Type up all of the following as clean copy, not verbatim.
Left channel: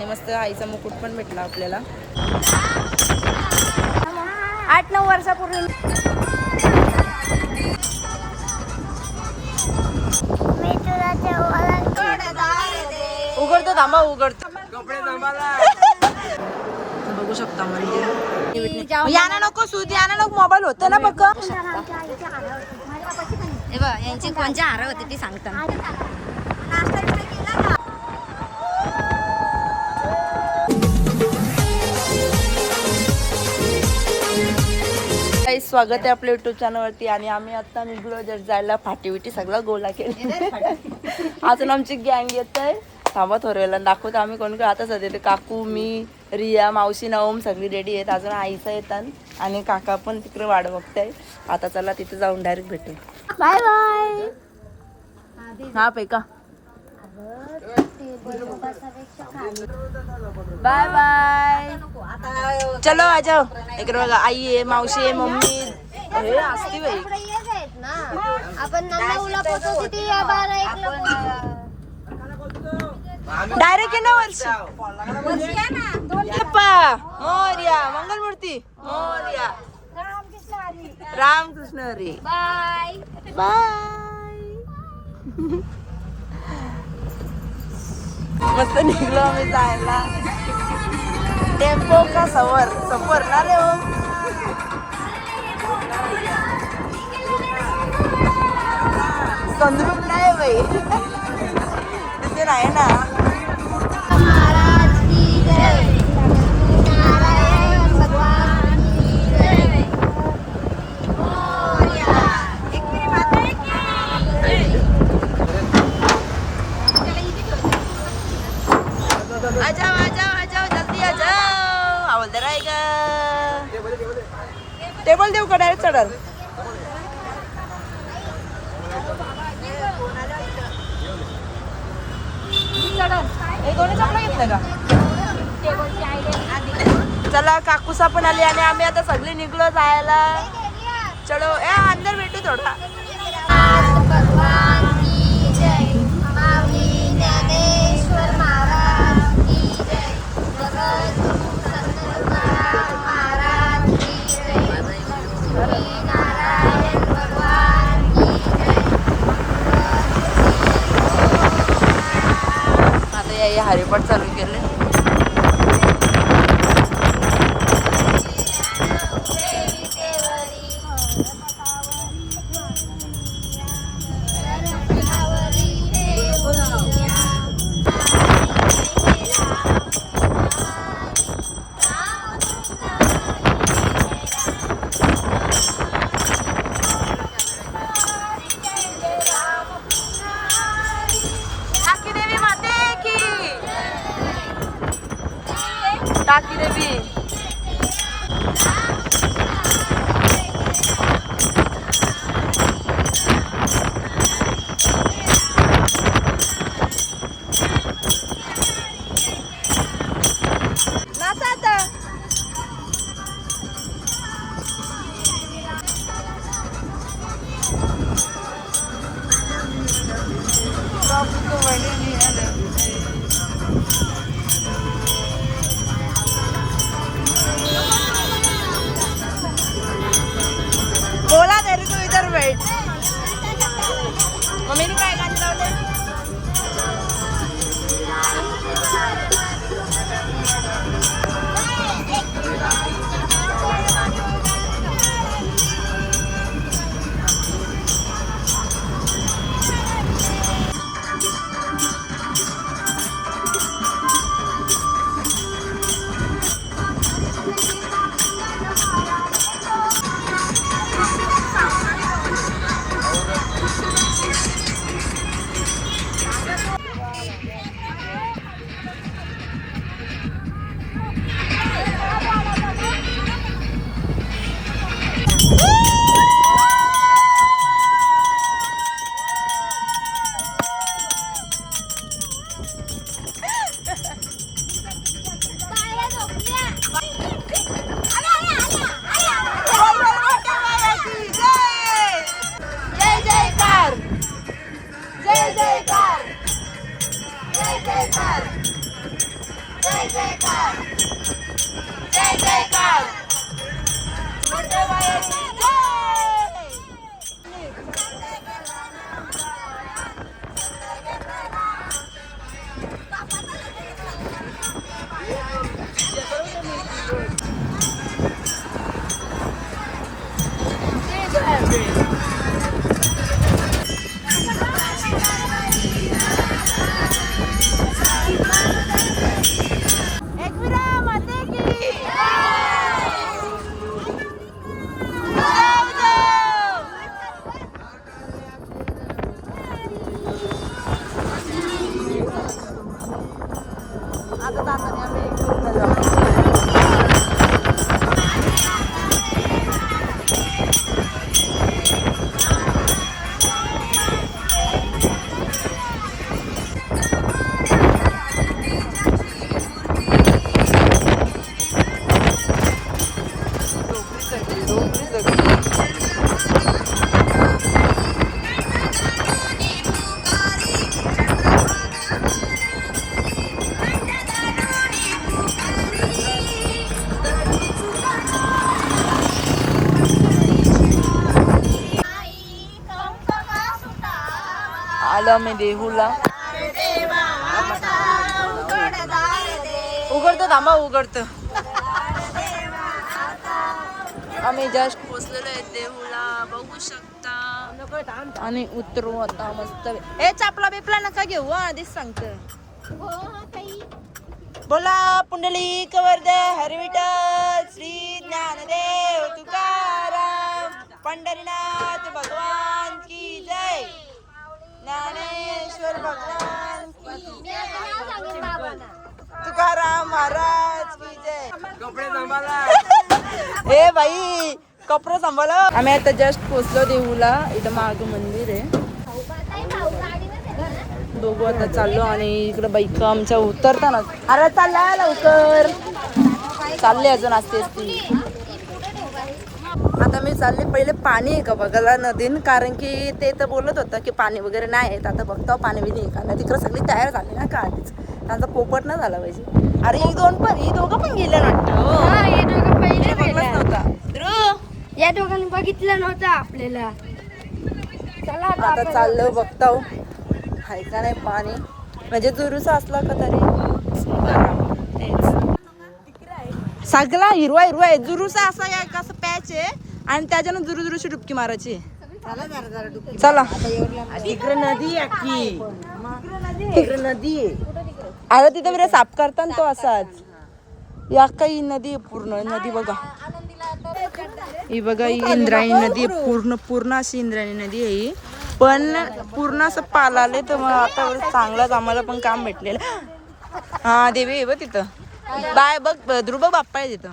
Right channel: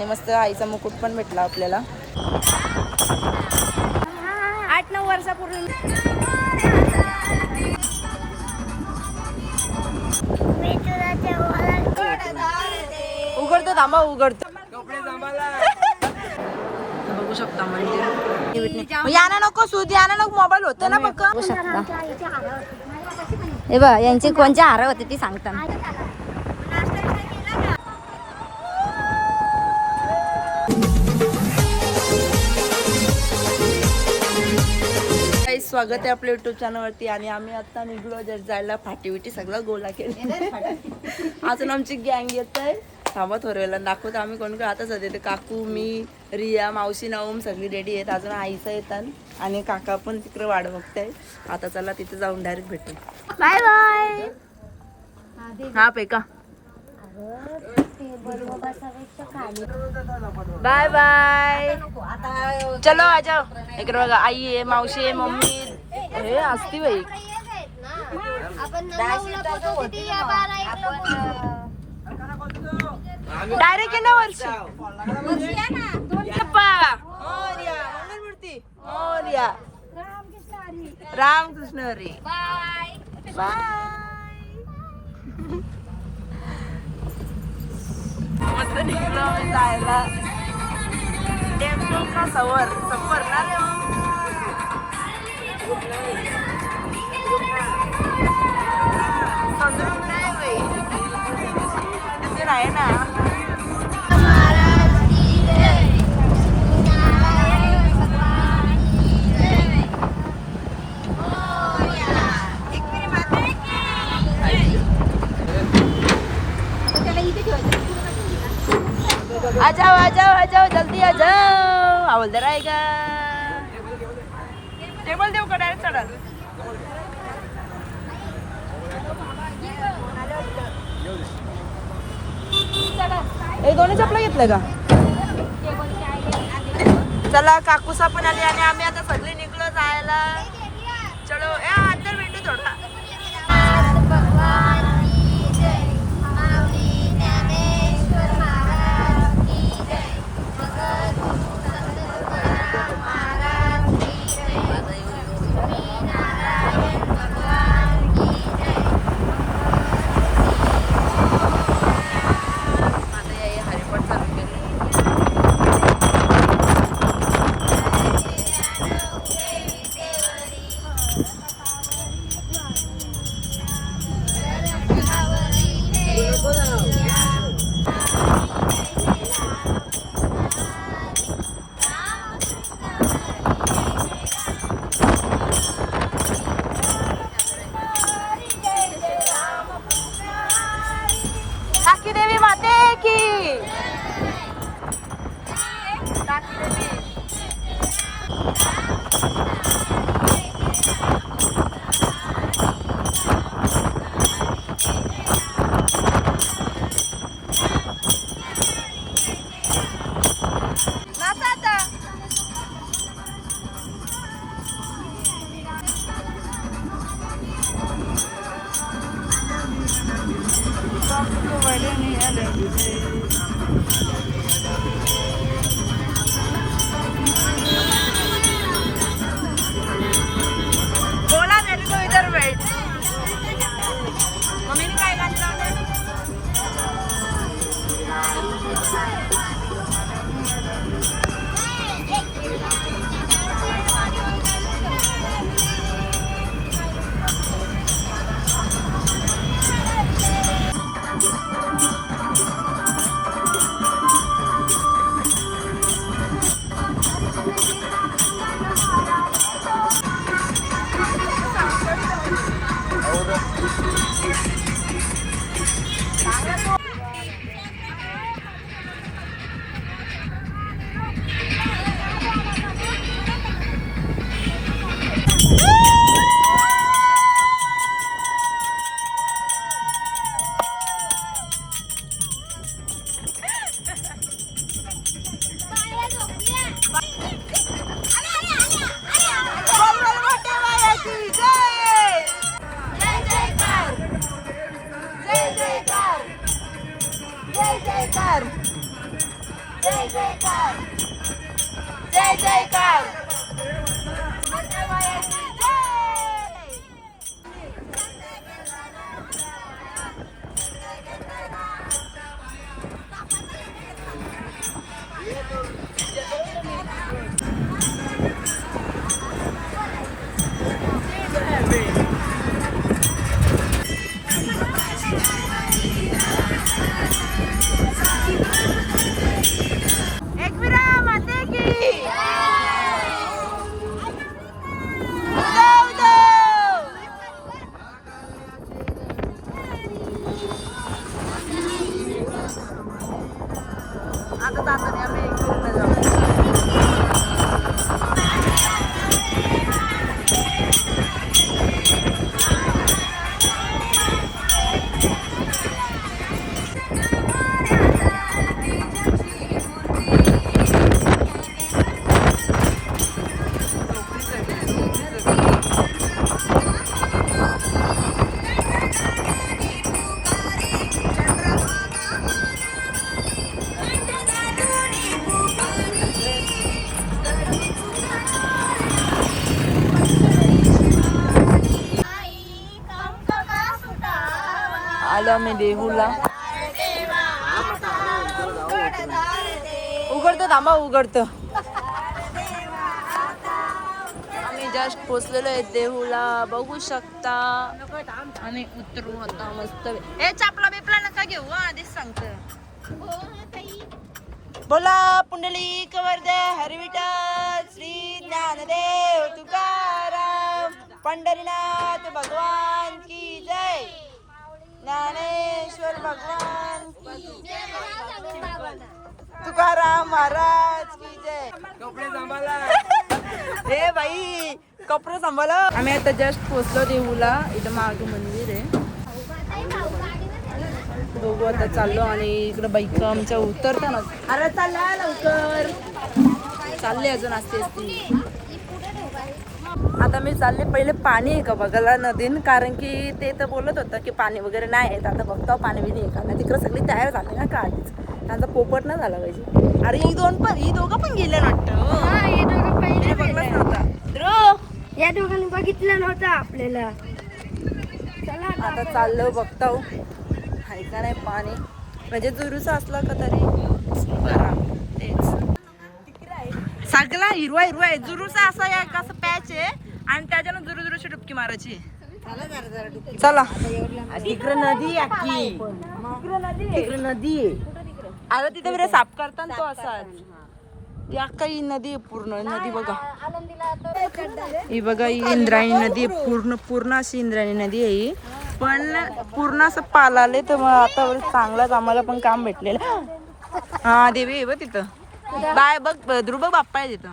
आणि मस्त आईचा मुकुट पण भेटला आपल्याला 8-9 वर्षापूर्वी. उघडतो थांबा उघडतो बघू शकता मंदिर. याना नको सूद याना नको मोबाईल होते ना बघ. हे बघ यांची कोणची हार होती ती सांगता. स्वागत आहे आपल्या युट्यूब चॅनलवरती. आणि आम्ही आता निघलो जर जायला फाटी विटी सगळं गोला केलं. अजून आमची गँग येत आहे. थांबा थोरवेला दाखवतो आम्ही कोण कोण. आता सध्या काकू मी रिया मावशी नवम सगळी रेडी आहेत. अजून आईचा येतात आणि काका पण तिकडे वाट बघताय. आता चला तिथे जाऊन डायरेक्ट भेटू. Bye bye. हा पेका बाय बाय. चलो आ जाओ. इकडे बघा आई आहे मावशी आहे मम्मी हे असती बाई. डायरेक्ट आहे ना वर्षी. मोर्या मंगलमूर्ती मोर्या रामकृष्ण हरी. Bye bye. मस्त निघलो आम्ही जायला. टेम्पो का सफर ना रे हो. संदूक नाही बाई तिथे आहे ना. आ जाओ जल्दी आ जाओ. हवलदार आहे का. टेबल देऊ का डायरेक्ट चढल. चला काकूसा पण आली आणि आम्ही आता सगळी निघलो जायला. चलो अंदर भेटू थोडा. हरिपाठ चालू केले. बोला तरी तो इधर बैठ. मम्मीने काय गाणी लावले. जय जयकार जय जयकार मंगळवायाची जय. आता जाताना आम्ही इकडनं जाऊ. आलो आम्ही देहूला. उघडतो थांबा उघडतो. आम्ही जस्ट पोचलेलो आहे देहूला बघू शकता. आणि उतरू आता मस्त. ए चापला बिपला नका घेऊ आधीच सांगतो. बोला पुंडलिक वरदे हरी विठ्ठल श्री ज्ञानदेव तुकाराम पंढरीनाथ भगवान की जय. ज्ञानेश्वर भगवान की जय. तुकाराम महाराज की जय. कपडे सांभाळा. हे बाई कपडे सांभाळा. आम्ही आता जस्ट पोचलो देहूला. इथं माग मंदिर आहे. दोघं आता चाललो आणि इकडे बाईक आमच्या उतरताना अरे चालला लवकर चालले अजून असते असते. आता मी चालले पहिले पाणी आहे का बघायला नदीन. कारण की ते तर बोलत होतं की पाणी वगैरे नाही आहे. आता बघता पाणी बिनी आहे का. तिकडे सगळी तयार झाली ना का आधीच. त्यांचा पोपट न झाला पाहिजे. अरे ही दोघं पण गेले वाटतं. बघलंच नव्हता. या दोघांनी बघितलं नव्हतं आपल्याला. आता चाललो बघताव आहे का नाही पाणी. म्हणजे जुरूचा असला का तरी बरं. तेच सगळा हिरवा हिरवा आहे. जुरूचा असा एक असं पॅच आहे आणि त्याच्यानं जुरूची डुबकी मारायची. चला नदी अरे तिथं बरं साफ करतात तो असाच. या काही नदी पूर्ण नदी बघा. ही बघा ही इंद्रायणी नदी पूर्ण अशी इंद्रायणी नदी आहे ही. पण पूर्ण असं पालाले तर मग आता चांगलाच आम्हाला पण काम भेटलेलं. हा देवी आहे बघ तिथं. बाय बघ ध्रुव बाप्पा आहे तिथं.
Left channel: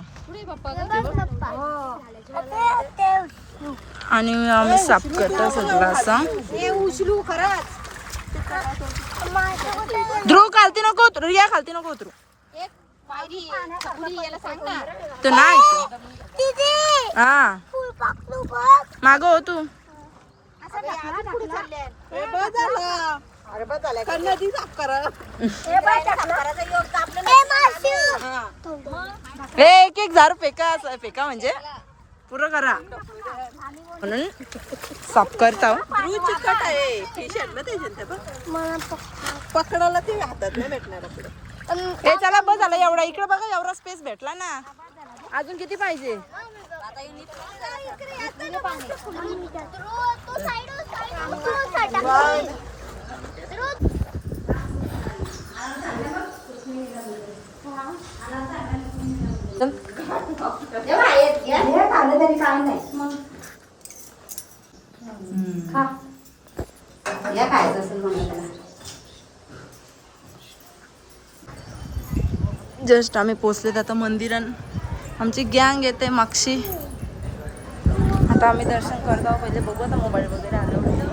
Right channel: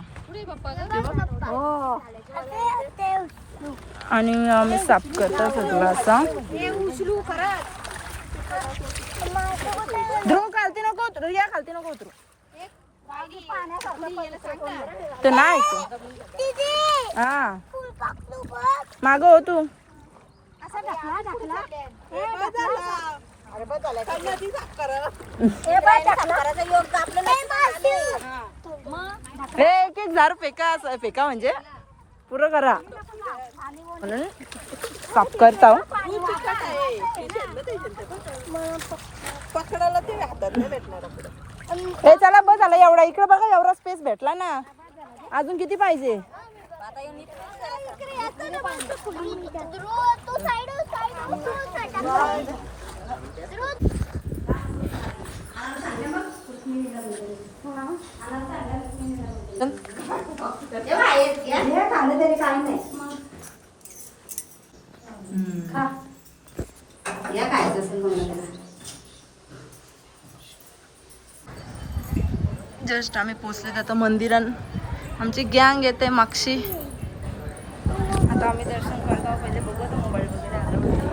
आणि आम्ही साफ करतो सगळं असा. ध्रुव खालती नको उतरू. या खालती नको उतरू. तो नाही हा माग हो तू. एक एक झाड फेका म्हणजे पुरं करा म्हणून साफ करता. हे चला बस झाला एवढा. इकडे बघा एवढा स्पेस भेटला ना. अजून किती पाहिजे. जस्ट आम्ही पोचलेत आता मंदिरात. आमची गँग येते मागशी. आता आम्ही दर्शन करतो. पहिले बघू आता मोबाईल वगैरे आलं म्हणजे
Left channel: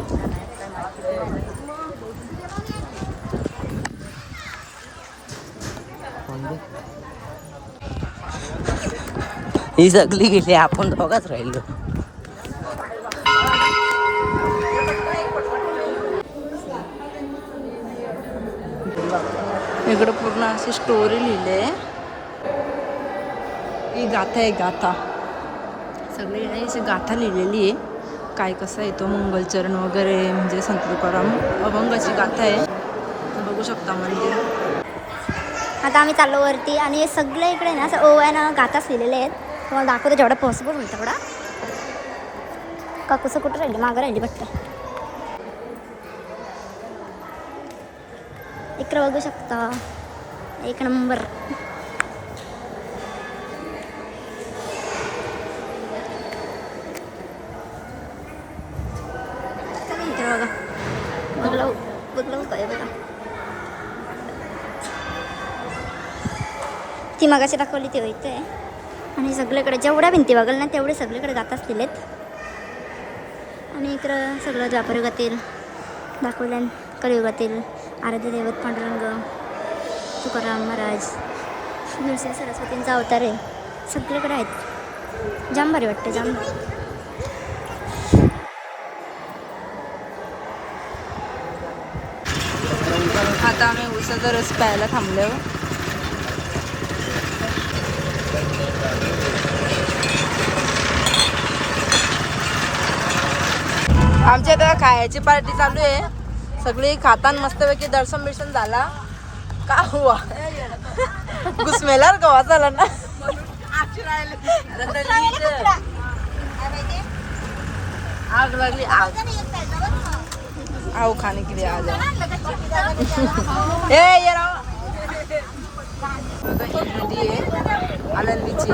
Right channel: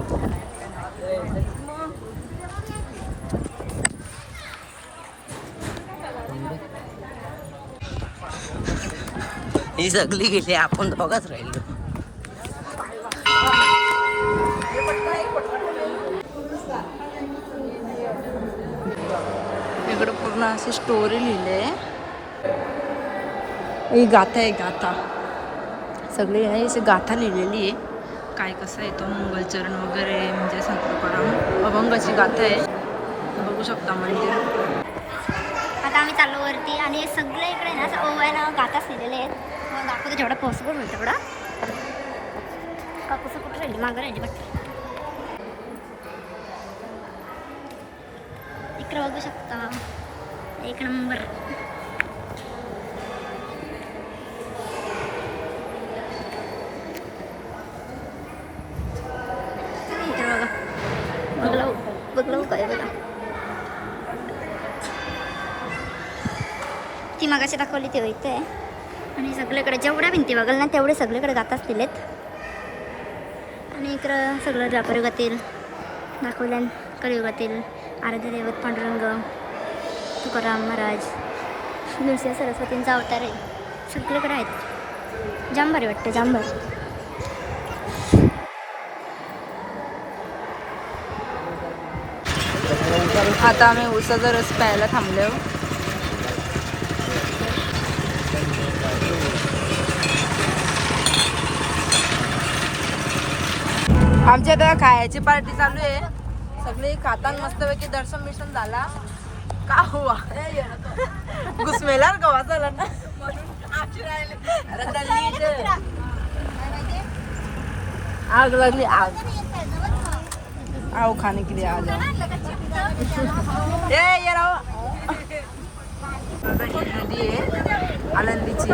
ही सगळी गेली. आपण दोघाच राहिलो. इकडं पूर्ण अशी स्टोरी लिहिली आहे. ही गाथा आहे, गाथा सगळी नाही अशी गाथा लिहिलेली आहे. काय कसं येतो मंगलचरण वगैरे म्हणजे संत तुकाराम अभंगाची गाथा आहे. बघू शकता मंदिर. आता आम्ही चाललो वरती आणि सगळे इकडे ना असं ओव्यानं गाथाच लिहिलेले आहेत. तुम्हाला दाखवतो जेवढं पॉसिबल होईल तेवढा. का कसं कुठं राहिलं, मागं राहिली बघते. इकडे बघू शकता, एक नंबर. इकडे बघा, बघलं बघलं काय बघा. ती मगाशी दाखवली ती इथे आहे. आणि सगळीकडे जेवढ्या भिंती बघाल ना तेवढे सगळीकडे गाथाच दिलेत. आणि इकडं सगळं द्वापरयुगातील दाखवल्या, कलियुगातील आराध्य दैवत पांडुरंग, तुकाराम महाराज, नृसिंह सरस्वतींचा अवतार आहे. सगळीकडे आहेत. जाम भारी वाटते, जाम भारी. आता आम्ही उसाचा रस प्यायला थांबलो. आमच्या आता खायची पार्टी चालू आहे. सगळी खातान मस्तपैकी दर्शन बिर्शन झाला का हुआ घुसमेलार गवा झाला ना. आओ खाने के लिए आ जाओ. ये राव नदी आहे आळंदीची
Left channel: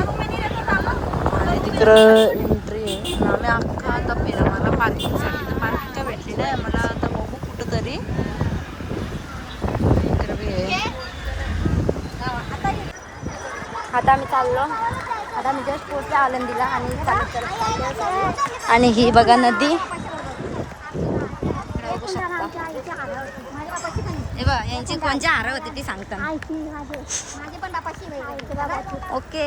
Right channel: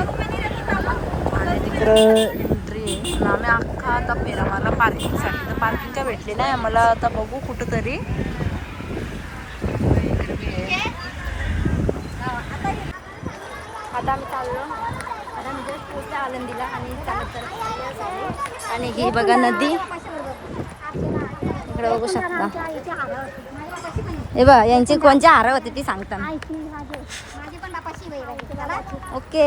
आणि तिकडं एंट्री आहे. आणि आम्ही अख्खा आता फेरा मला पार्किंगसाठी, तर पार्किंग काय भेटली नाही आम्हाला. आता बघू कुठं तरी. आता आम्ही चाललो, आता आम्ही जस्ट पोहोचलो आळंदीला आणि चालत चालत चाललो सगळे. आणि ही बघा नदी. हे बघा यांची कोणची हार होती ती सांगता. ओके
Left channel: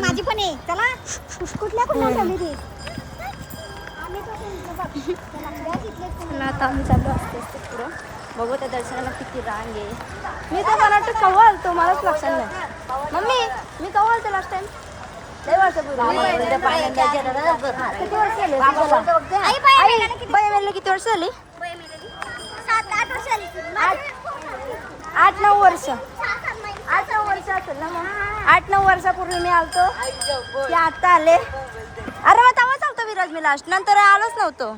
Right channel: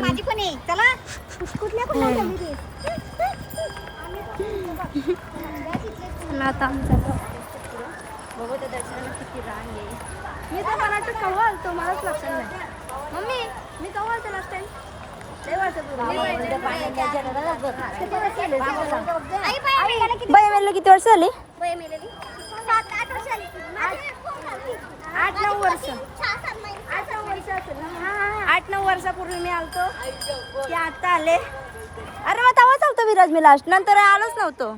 माझी पण आहे. चला कुठल्या आता आम्ही चाललो असते पुढं. बघू त्या दर्शनाला किती रांग आहे. मी तर मला वाटतं कवा आलतो, मलाच लक्षात नाही. मम्मी मी कवा आलतो लास्ट टाइम? लय वर्षापूर्वी. किती वर्ष झाले तुला? बाई मेले किती वर्ष झाली? 8-9 वर्ष. 8-9 वर्ष असेल ना. मग 8-9 वर्षापूर्वी मी आलतो की आता आले. अरे मग तेव्हा चालतो विराज मी लास्ट, नंतर आलोच नव्हतो.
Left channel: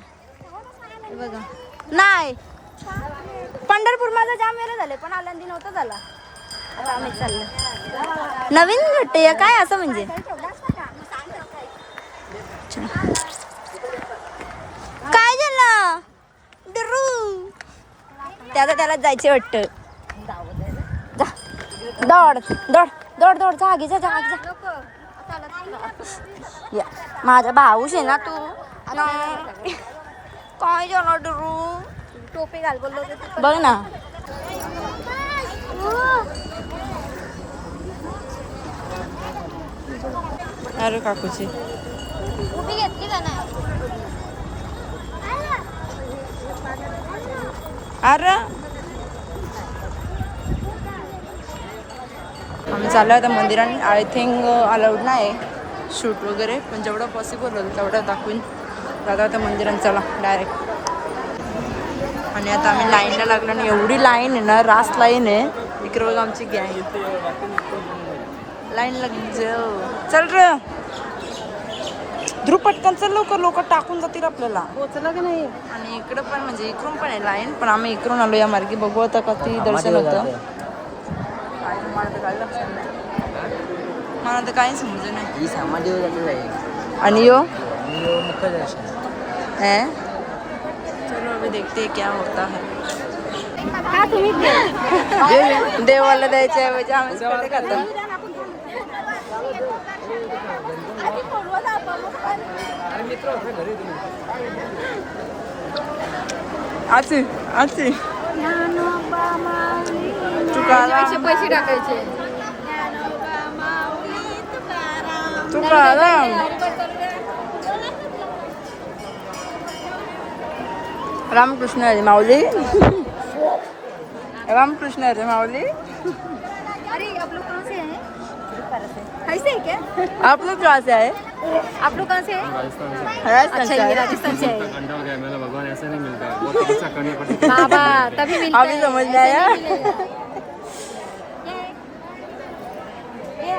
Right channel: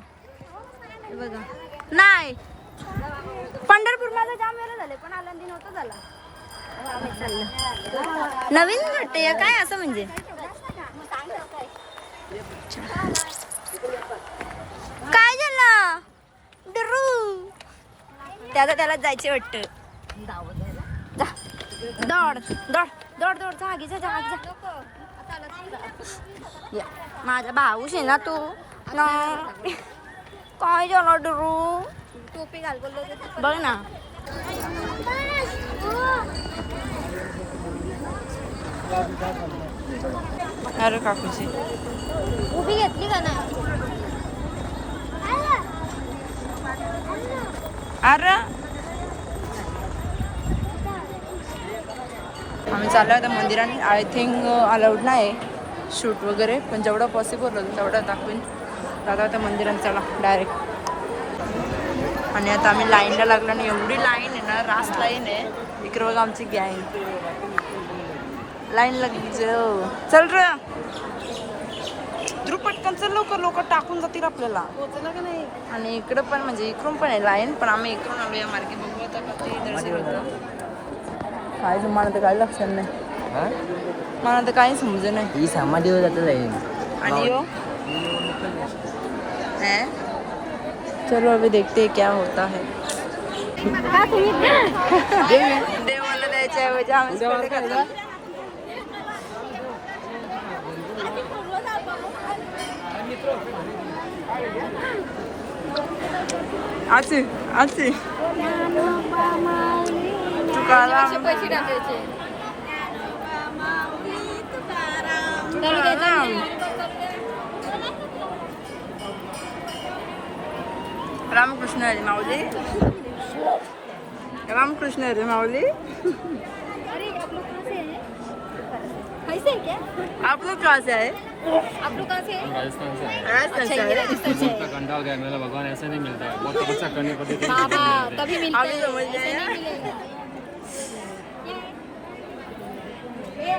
हे बघा नाही, पंढरपूर माझा जाम वेळ झाले पण आळंदी नव्हतं झाला. आता आम्ही चाललो. नवीन घट्टे काय असं म्हणजे काय झालं डरू त्याला जायचे वाटतं. दौड दौड दौड दौड जा आगी जा आगी जा. या माझा भाऊस आहे ना तू ना. काय झालं डरू? टोपी घाल बोललो बघ ना. अरे काकूची उभी घेतली का नाही? अरे आम्ही चाललो आता मंदिरात. आय थिंक अलाउड नाही शूट वगैरे, पण जेवढं पॉसिबल होईल तेवढं दाखवून दादा आता मंदिरात चला डायरेक्ट. आणि आता आम्ही लाईनला लागलो आणि एवढी लाईन आहे ना, रास लाईन आहे. इकडे बघा आमची गँग लाईन लागली. चल र ध्रुव पटकन चल लवकर, लोक टाकून जातील आपल्याला. आणि इकडं पण म्हणजे इकडून पण आहे लाईन, पण आम्ही इकडून आलो या मार्गी. बघू आता किती दर्शन होतं. काय मला तर काय लक्षात नाही, मला तर काही समज नाही. आणि यो है चलो अभी देखते हैं क्या होता है. देवाला द्यायच्या ऐवजी आम्हीच पहिले खाता. आची आची तुकाराम तुकाराम रामकृष्ण हरी माऊली. रामकृष्ण हरी माऊली. आप लोग कहाँ से आए? आप लोग कहाँ से हैं? राजस्थान से है। राजस्थान से आए. कंधा हो गया मैंने, भगवान ऐसा नहीं मिलता है, बहुत तपस्या करनी पड़ती है. तभी मिलता अभी समझ में आया.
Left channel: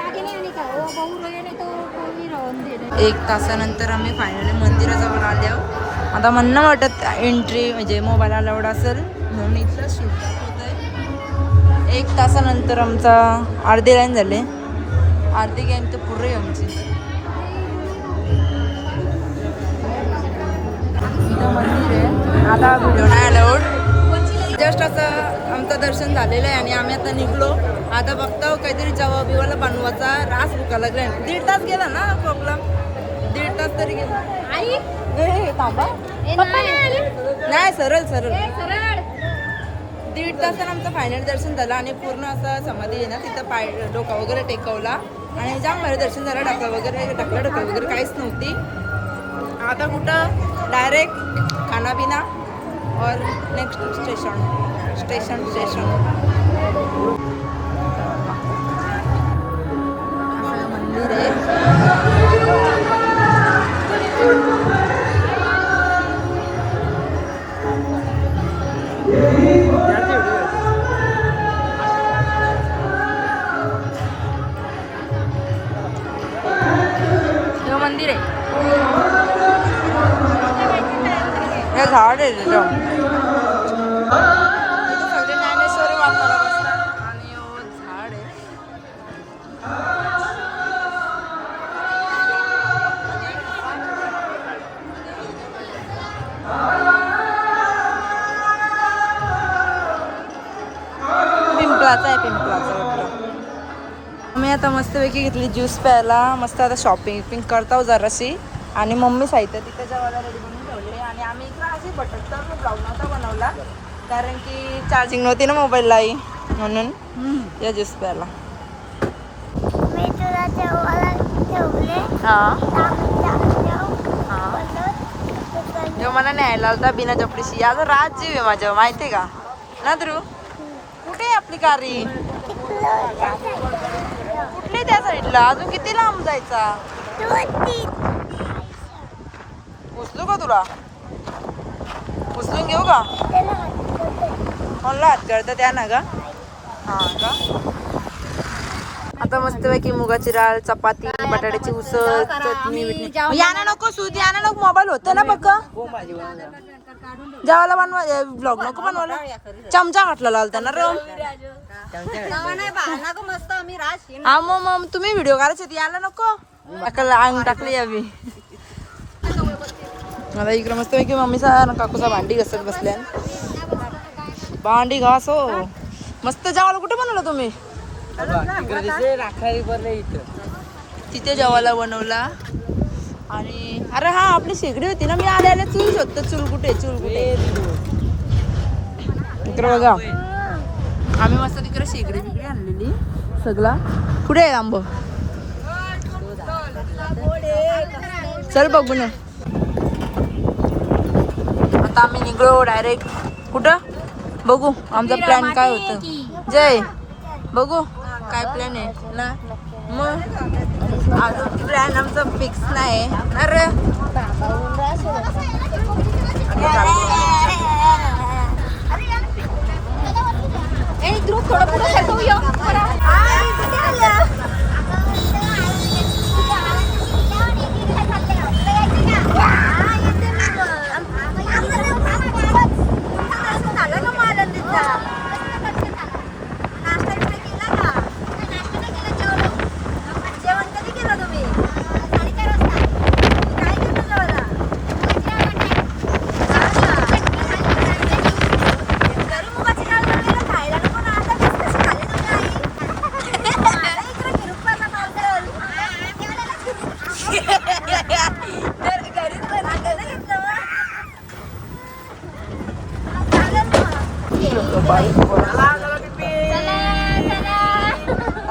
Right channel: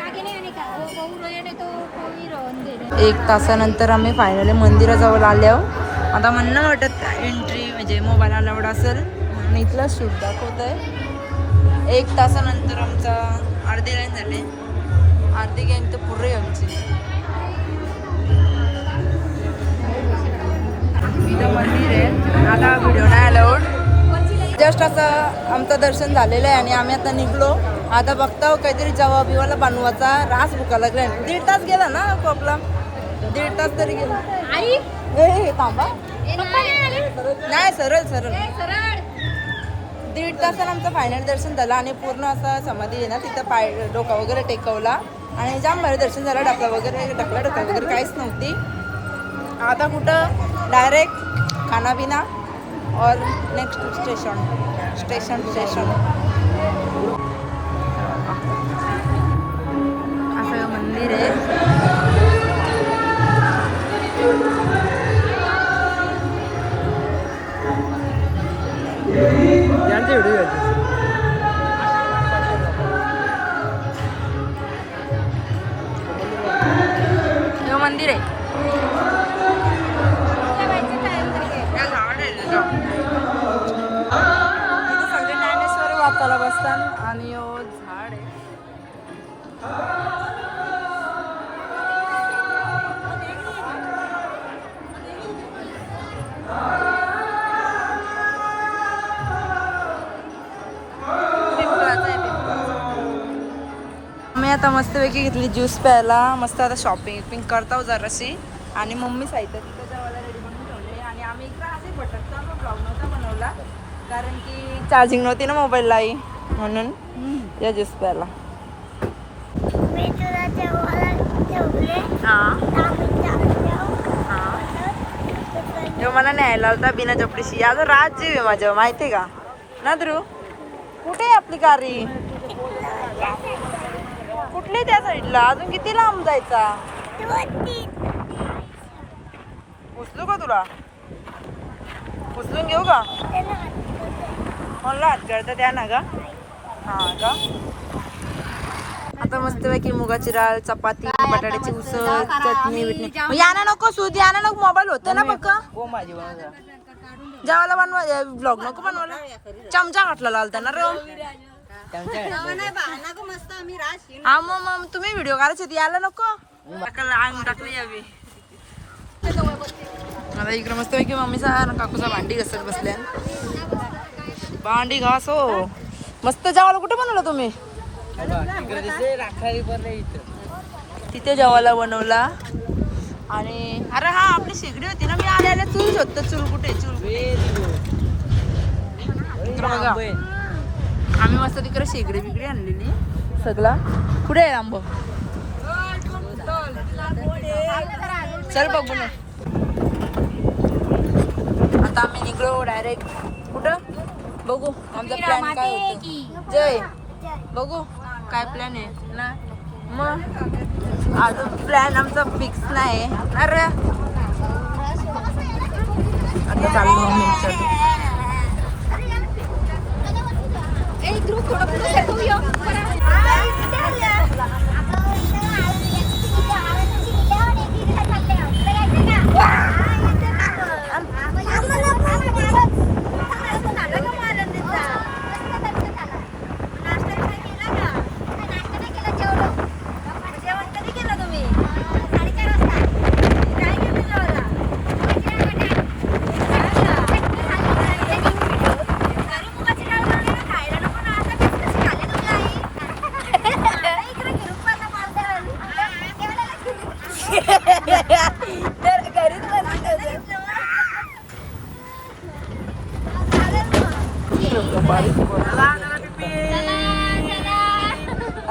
आगे नहीं आने का वो भाऊ रहे ना तो कोई रहून दे दे. 1 तासानंतर आम्ही फायनली मंदिराजवळ आलो. आता म्हणणं वाटत एंट्री म्हणजे मोबाईल अलाउड असेल म्हणून इथलं शूट दाखवत आहे. 1 तासानंतर आमचा अर्धी लाईन झाली. अर्धी लाईन तर पुरे आमची. इथं मंदिर आहे. आता व्हिडिओ नाही अलाउड. जस्ट असं आमचं दर्शन झालेलं आहे आणि आम्ही आता निघलो. आता बघता काहीतरी जवा बिवाला बनवायचा रास भुका लागला. 1.5 तास गेला ना प्रॉब्लेम. 1.5 तास तरी गेला. आई ए थांबा. पप्पा नाही आले. नाही सरळ सरळ. सरळ 1.5 तासानं आमचं फायनल दर्शन झालं आणि पूर्ण असं समाधी आहे ना तिथं पाय डोका वगैरे टेकवला आणि जाम भारी दर्शन झालं. ढकला वगैरे काहीच नव्हती. आता कुठं डायरेक्ट खाना पिना और नेक्स्ट स्टेशन असं मंदिर आहे. हे मंदिर आहे. हे झाड आहे तिथं. इथं सगळे ज्ञानेश्वरी वाचायला बसतात आणि झाड आहे. पिंपळाचा वाटतं. मी आता मस्तपैकी घेतली ज्यूस प्यायला. मस्त आता शॉपिंग करताव जराशी आणि मम्मी साहित्य तिथे जेवायला रेडी बनवून ठेवले आणि आम्ही इकडे अशी भटकता ब्लॉग नव्हता बनवला कारण की चार्जिंग नव्हती ना मोबाईललाही म्हणून या ज्यूस प्यायला. जो मला न्यायला होता बिना चपडीशी. आज राजीव आहे माझ्या माहिती आहे का ना ध्रुव. कुठे आहे आपली गाडी? कुठली त्या साईडला? अजून किती लांब जायचा? उचलू का तुला? उचलून घेऊ का? कोणला हात करता त्या ना का? हा का. आता मस्तपैकी मुगाची डाळ, चपाती, बटाट्याची उसळ, चटणी बिटणी. याना नको सूद, याना नको. मोबाईल होतं ना बघ. जेवायला बनवा ब्लॉग नको बनवायला. चमचा घातला लालता ना रम. हा मग तुम्ही व्हिडिओ करायचे होती यायला नको. अंग टाकली यावी. आता इकडे मस्त पैकी मम्मीचा काकूचा भांडी घसत बसल्या. भांडी घास हो. मस्त जेवायला कुठे बनवलं तुम्ही? तिथे जेवायला बनवला. आणि अरे हा आपली शेगडी होती ना. मी आल्याला चूल शोधतो. चूल कुठे इकडे बघा. आम्ही मस्त तिकडे शेगडी बिगडी आणलेली सगळा. कुठे आहे आंब? चल बघू ना. आता आम्ही निघलो डायरेक्ट. कुठं बघू आमचा प्लॅन काय होतं. जय बघू काय प्लॅन आहे ना. मग अजून प्लॅन आमचा फिक्स नाही ना रे.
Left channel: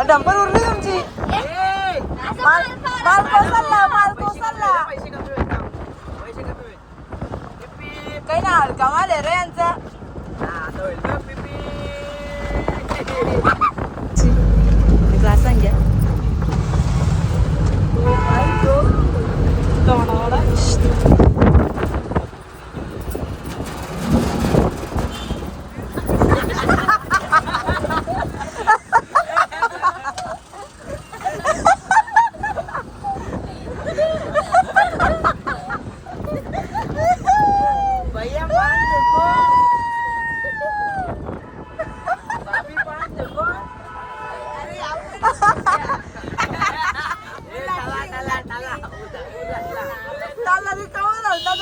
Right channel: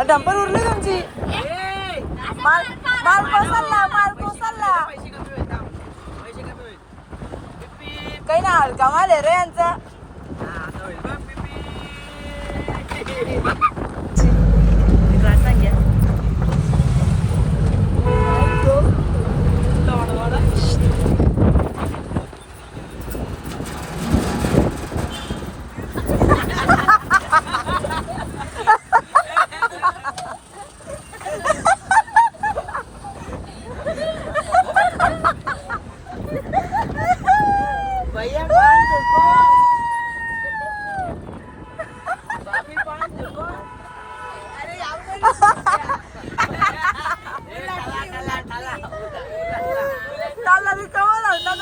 डंपर उरली तुमची. माल कोसलला. काही ना हलका माल आहे रे यांचा. ग्लासान घ्या.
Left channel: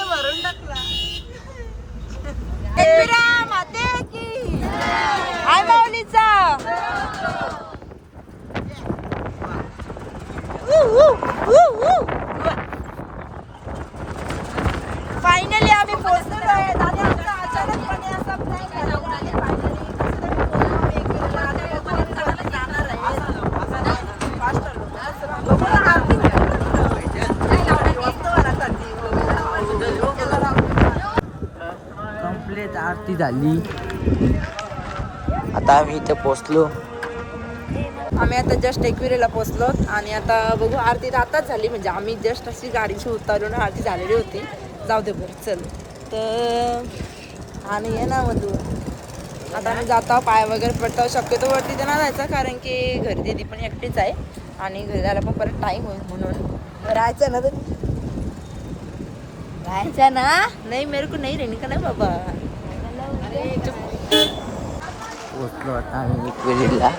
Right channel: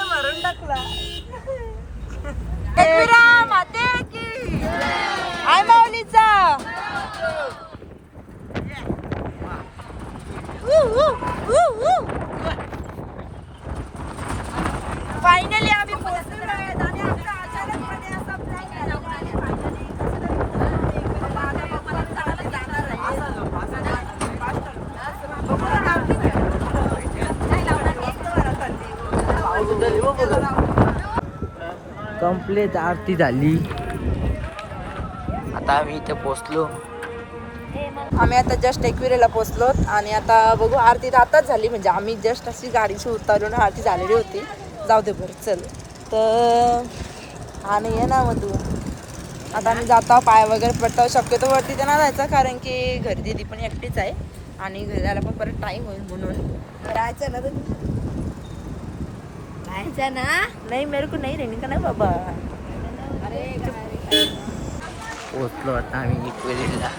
भरून टाकला. एकविरा माते की आय माऊलीचा. फायनली आम्ही पोहोचलेलो आहे. दादा आमचा अचानकपणे असा प्लॅन झालेला आहे. फायनली जाणार आहे. कंप्लीट आरती झाली. आता आम्ही इथे पोचलो. आम्ही आता जस्ट एकविरेला पोहोचलो आणि आता बघू आरती आताच झाली. म्हणजे आम्ही जस्ट अशी गाडीची उतारून आरती झालेली होती. जाऊ दे बरं चल. तर आणि ये ना मग तू आता आम्ही जातो. पाय वगैरे पडतो. शक्यतो वरती तर नाही जायचं कारण की घरी दीदी पण एकटीच आहे आणि घरी जायला पण परत टाईम होईल म्हणून राहायचं ना. राहायचं ना. नाही मेरे को नाही रहने का ना बाबा. पोचलो आता आम्ही एकविरीला.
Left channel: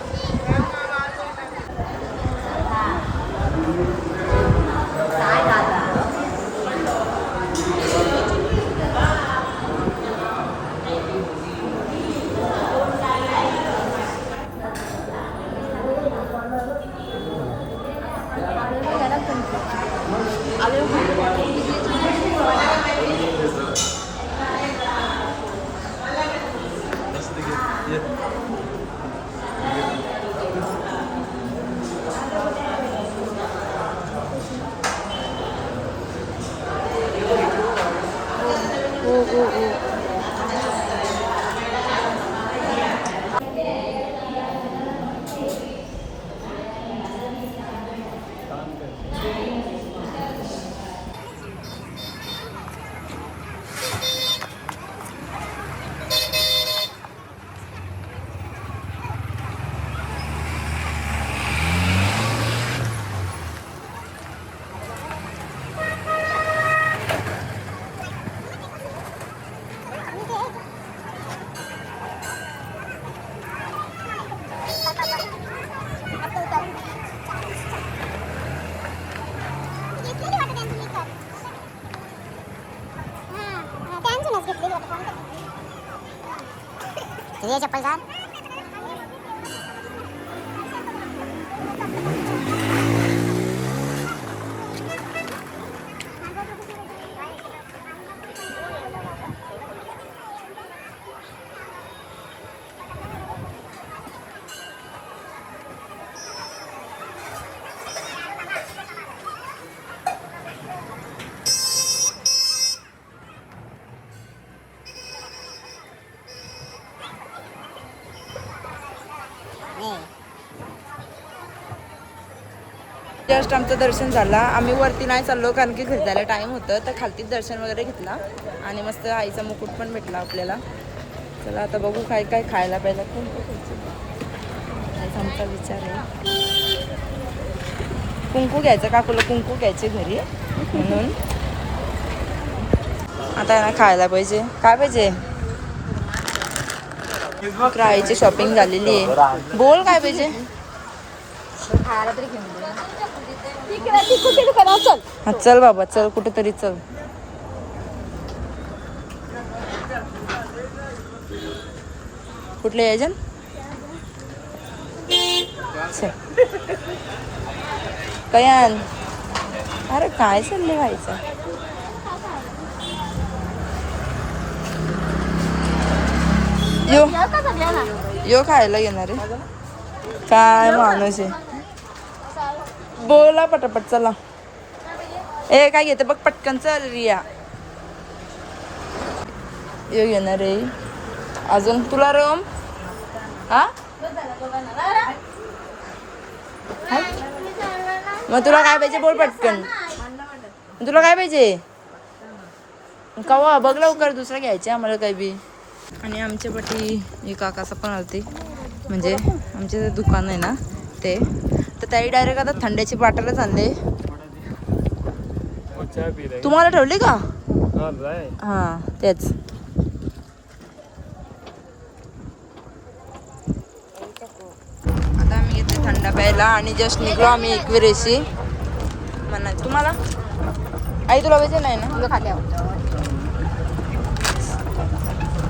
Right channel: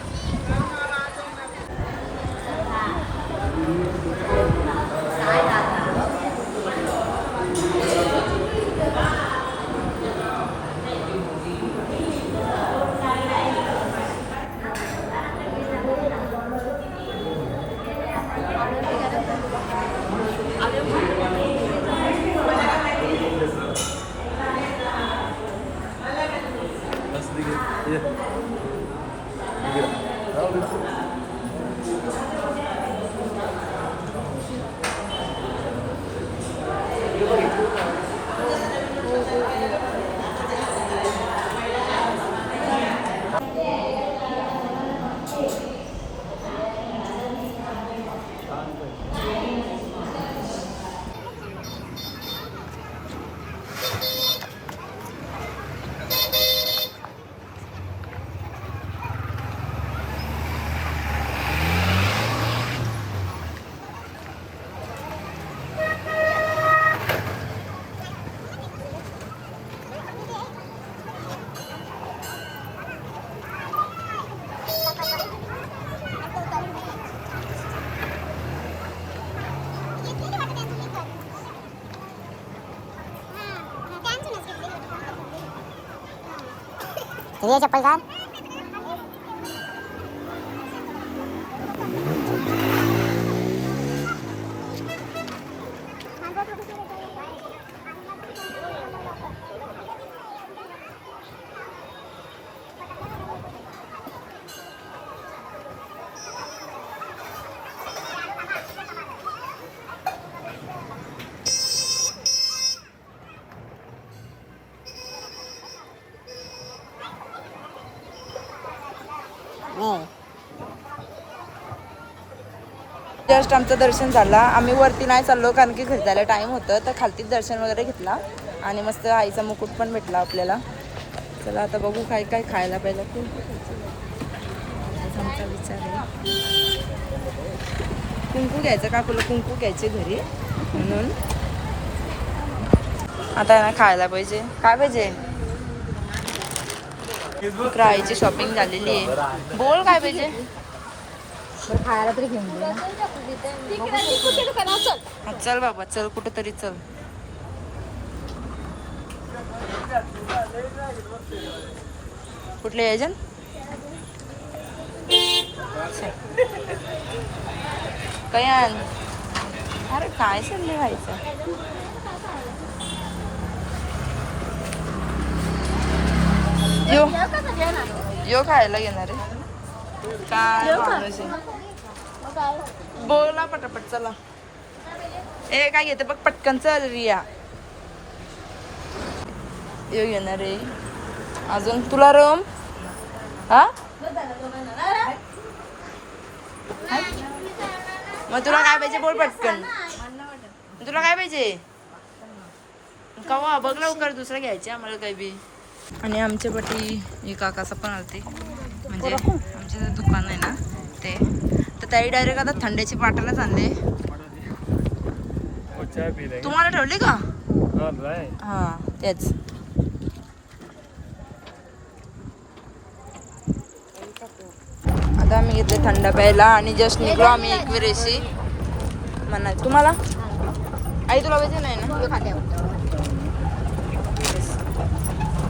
ये चप्पल घाल. जस्ट आमचं दर्शन झालं. आम्ही वरती नाही चाललो कारण की घरी जायला टाईम होतं. तर खालतीच दर्शन वगैरे घेतला आणि मस्त आईचा मुकुट पण भेटला आपल्याला. चला आता बघू काय काय खायला पाहिजे. आमचा विचार आहे कुंकू घ्यायचं. काकूला कुंकू घ्यायचे घरी म्हणून आता यांना खायला पाहिजे. काय पाहिजे. आईची शॉपिंग झालेली आहे. बोल काय पाहिजे. चल बाबा चल कुठेतरी चल. कुठले यायचं. कयान अरे काय चाललंय व्हायचं. यो खायला घेणार आहे. काय माणूस आहे. बोला पटापट चला. ए काय घेते बघ पटकन चल रिया. यो येणार आहे अजून तुला रोम. हा मग तुला काय पाहिजे बोल पटकन. तुला काय पाहिजे कवा बघ लवकर दुसरं घ्यायचे आम्हाला काही बी. आणि आमच्या पाठी एक काकाचा पण होती म्हणजे आमचे जे दुकान आहे ना ते तर त्याही डायरेक्ट आता थंड्याची बाटलच आणले. तुम्हाला ठेवले का? हां तेच. आता आम्ही घेतले थंड प्यायला आणि जस्ट निघलो आम्ही एकविरेशी म्हणा. तुम्हाला आई तुला पाहिजे नाही ना?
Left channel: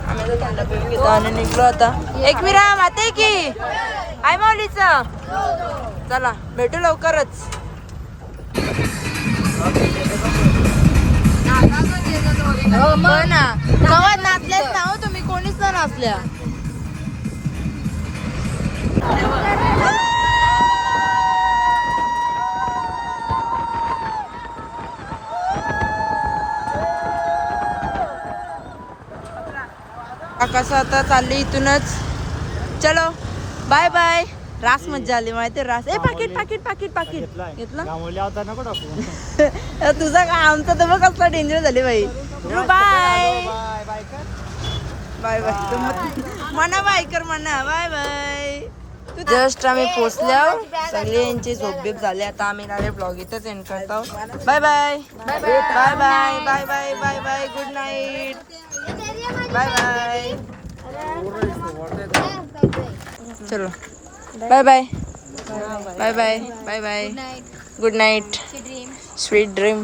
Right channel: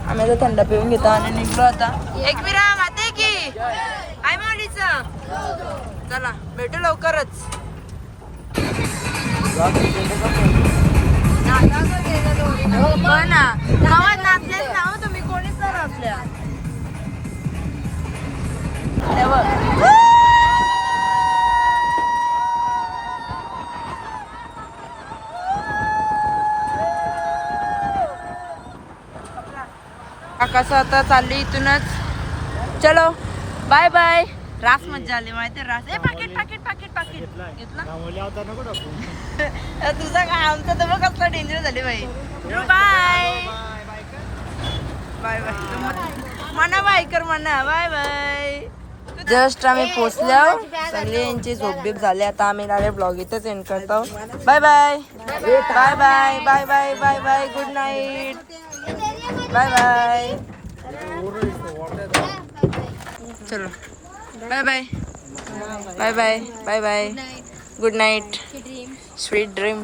आम्ही आता थंड पिऊन घेतो आणि निघलो आता. एकविरा माते की आई माऊलीचं चला भेटू लवकरच. हो ना कवा नाचल्याच ना हो तुम्ही कोणीच तर नाचल्या. कसं आता चालली इथूनच. चलो बाय बाय. रास मज्जा आली माहिती रास. ए पाकिट पाकिट पाकिट पाकिट घेतलं तुझा का आमचा तर मग कसला डेंजर झाली बाई. बाय बाय बाय म्हणा बाय कर म्हणा बाय बाय. जस्ट आम्ही पोचल्या सगळे यांची झोपबीप झाले. आता आम्ही डायरेक्ट ब्लॉग इथंच एंड करतो. Bye bye bye bye bye bye bye bye. Good night bye bye. चलो bye bye bye bye bye bye. Good night sweet dream.